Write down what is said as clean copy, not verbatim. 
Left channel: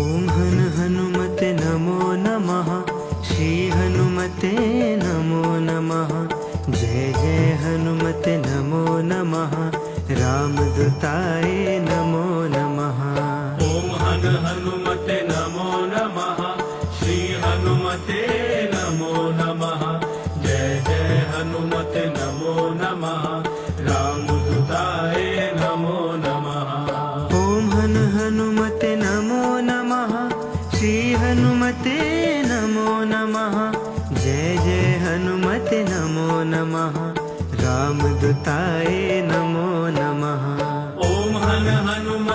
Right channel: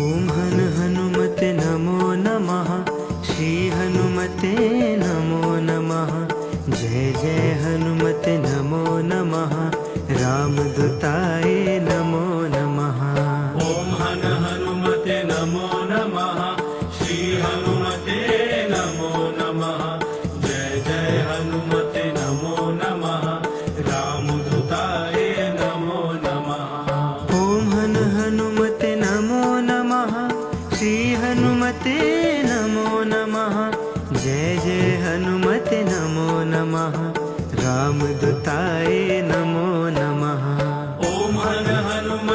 ॐ हन हनुमते नमो नमः। श्री हनुमते नमो नमः। जय जय हनुमते नमो नमः। रामदूताय नमो नमः। ॐ हन हनुमते नमो नमः। श्री हनुमते नमो नमः। जय जय हनुमते नमो नमः। रामदूताय नमो नमः। ॐ हन हनुमते नमो नमः। श्री हनुमते नमो नमः। जय जय हनुमते नमो नमः। रामदूताय नमो नमः। ॐ हन हनुमते